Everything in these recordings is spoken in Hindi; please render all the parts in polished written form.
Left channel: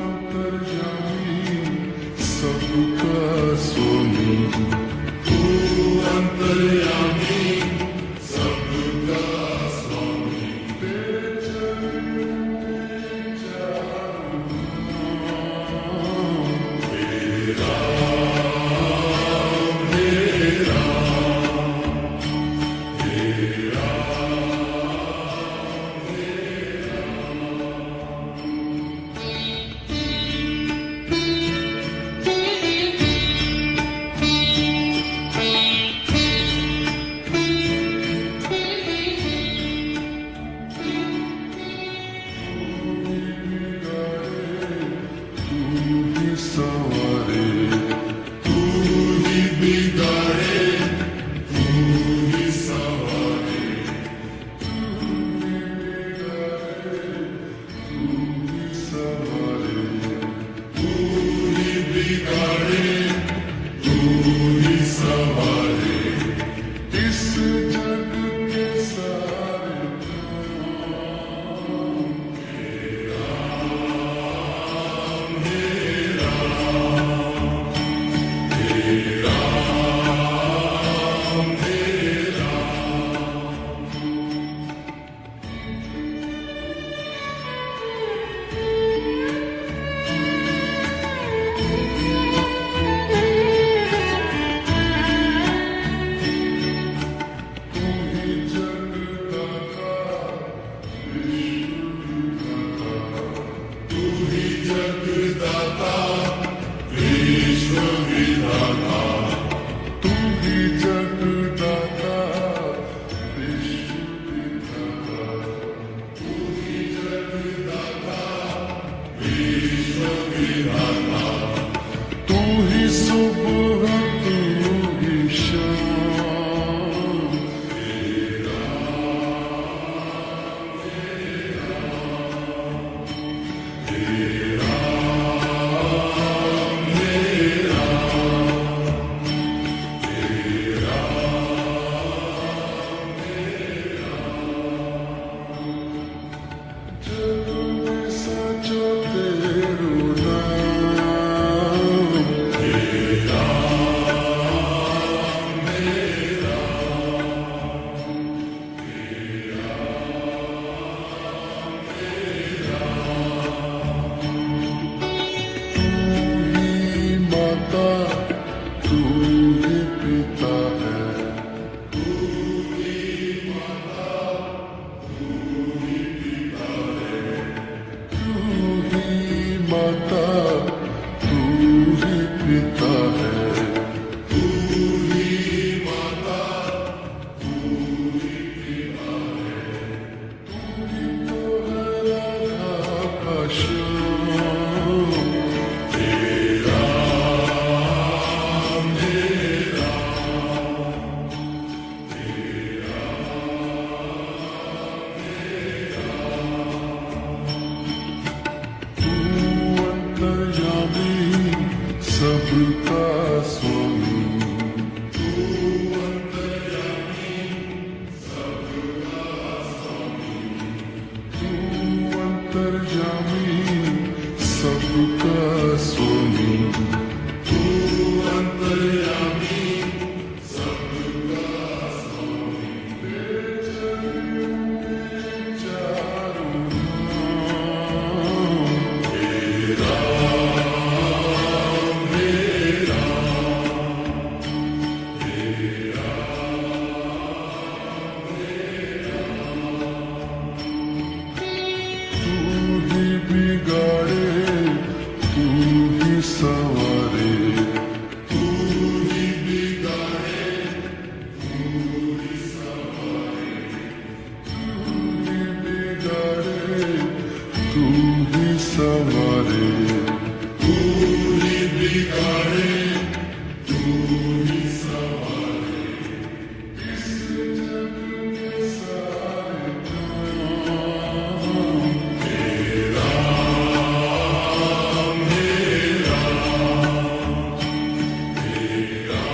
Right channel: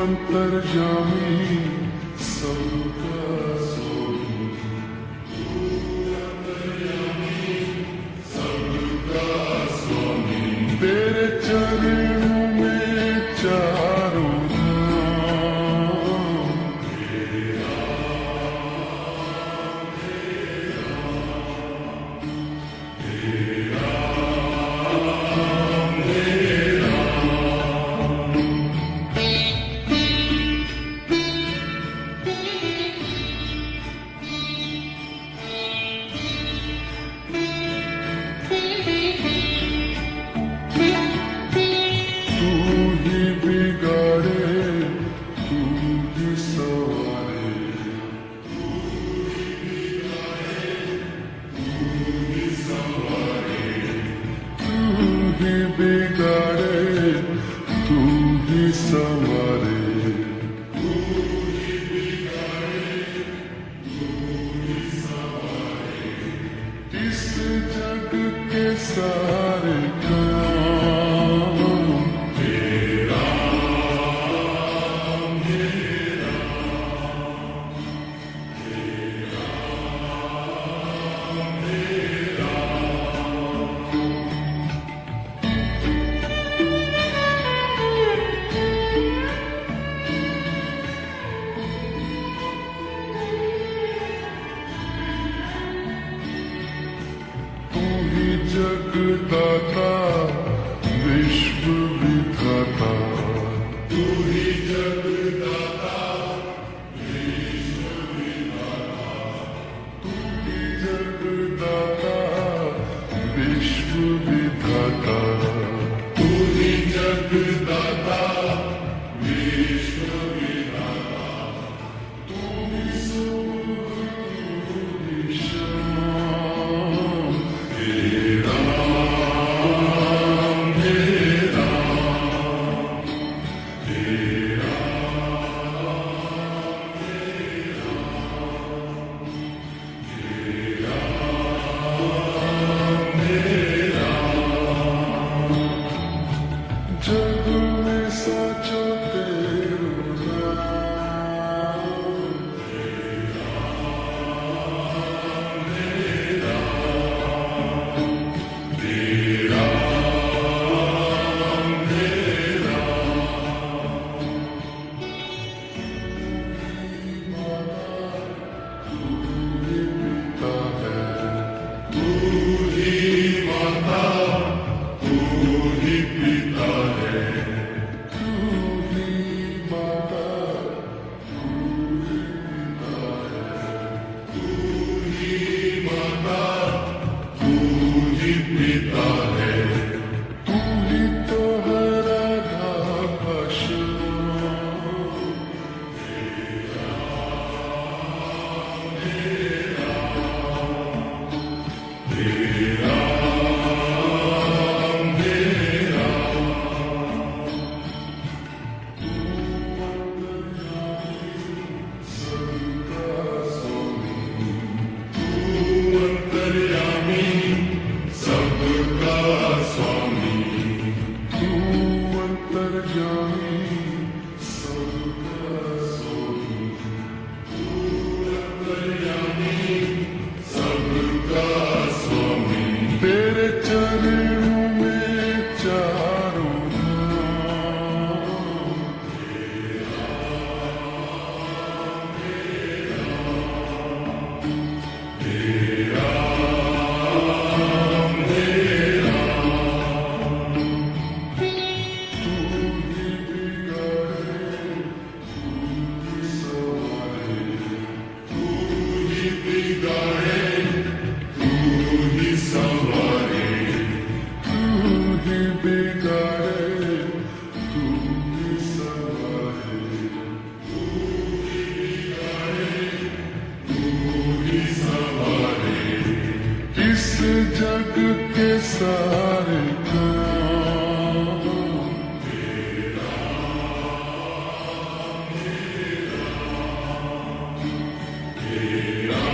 अंतर्यामी सबका स्वामी, तू अंतर्यामी सबका स्वामी, तेरे चरणों में चारों धाम, तेरा मेरा तेरा मेरा। सवारे तू ही बिगाड़े तू ही सवारे, तू ही बिगाड़े तू ही सवारे, तू ही बिगाड़े तू ही सवारे, इस जग के सारे काम तेरा तेरा मेरा। तू ही जगदाता विश्व विधाता, तू ही जगदाता विश्व विधाता, तू ही जगदाता विश्व विधाता, तू ही जगदाता विश्व विधाता, तू ही सुबह तू ही शाम, तेरा मेरा तेरा जग में साचो तेरो नाम, तेरा मेरा तेरा मेरा। तू ही माता तू ही पिता है, तू ही माता तू ही पिता है, तू ही माता तू ही पिता है, तू ही माता तू ही पिता है, तू ही तो है राधा का श्याम, तेरा मेरा तेरा मेरा। तू अंतर्यामी सबका स्वामी, तू अंतर्यामी सबका स्वामी, तू अंतर्यामी सबका स्वामी, तू अंतर्यामी सबका स्वामी, तेरे चरणों में चारों धाम, तेरा मेरा तेरा मेरा। तू ही बिगाड़े तू ही सवारे, तू ही बिगाड़े तू ही सवारे, तू ही बिगाड़े तू ही सवारे, तू ही बिगाड़े तू ही सवारे, इस जग के सारे काम तेरा मेरा तेरा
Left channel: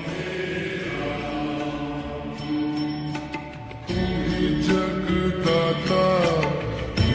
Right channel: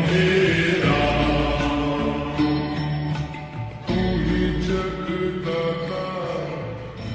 मेरा। तू ही जगदाता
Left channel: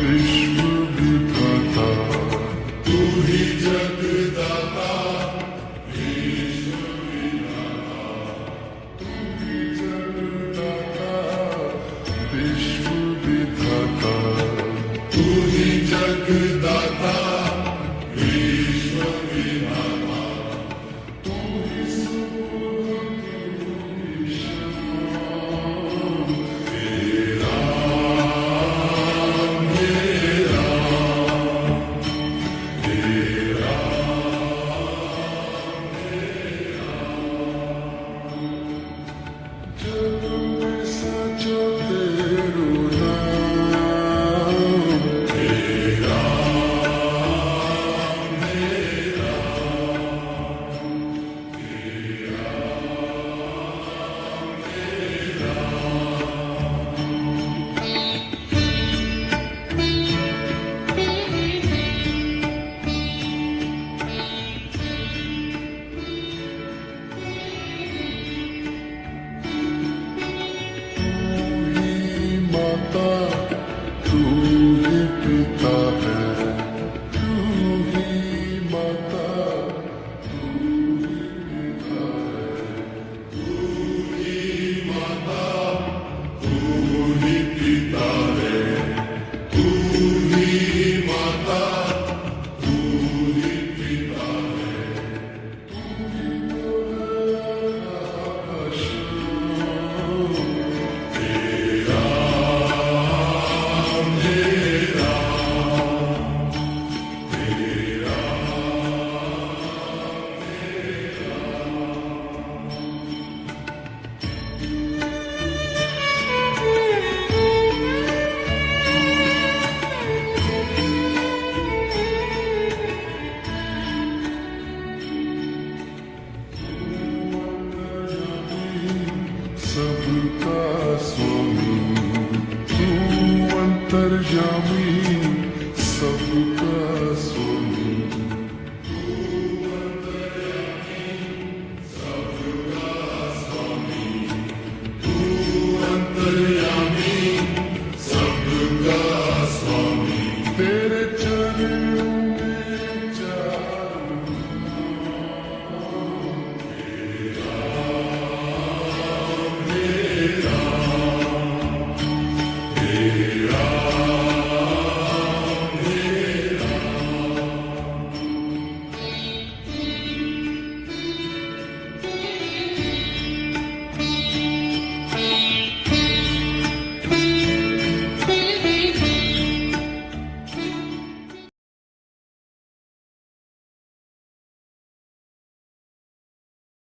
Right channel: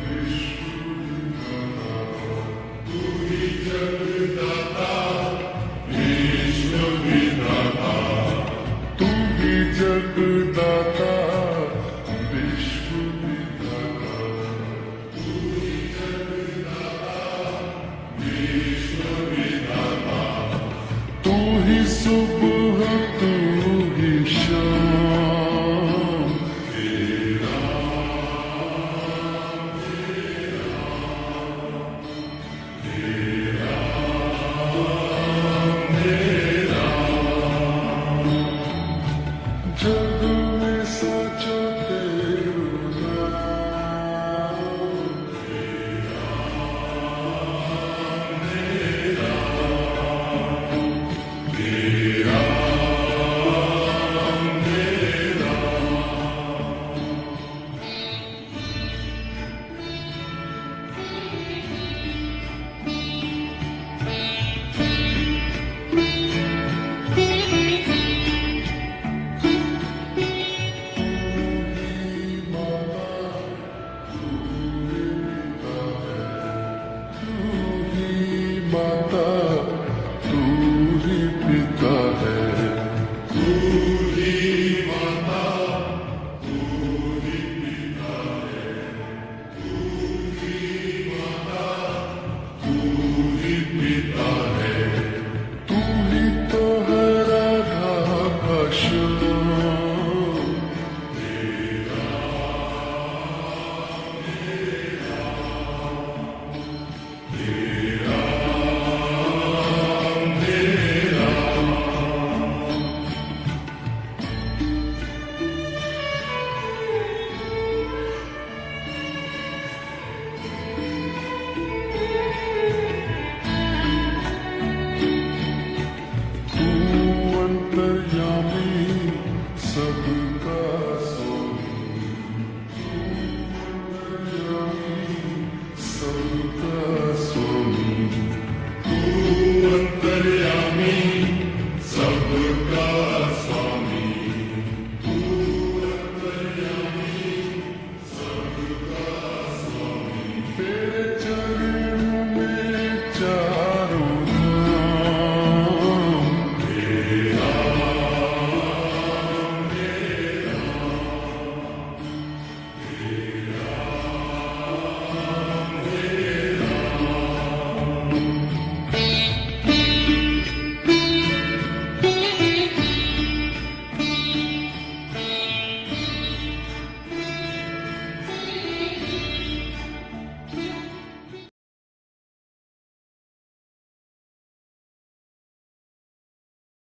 विश्व तू ही जगदाता विश्व विधाता तू ही सुबह तू ही शाम तेरा मेरा तेरा मेरा जग में सचो तेरू नाम तेरा मेरा तेरा मेरा तू ही माता तू ही पिता है तू ही माता तू ही पिता है तू ही माता तू ही पिता है तू ही माता तू ही पिता है तू ही तो है राधा भाषण तेरा मेरा तेरा मेरा तू अंतर्यामी सबका स्वामी तू अंतर्यामी सबका स्वामी तू अंतर्यामी सबका स्वामी तू अंतर्यामी सबका स्वामी तेरे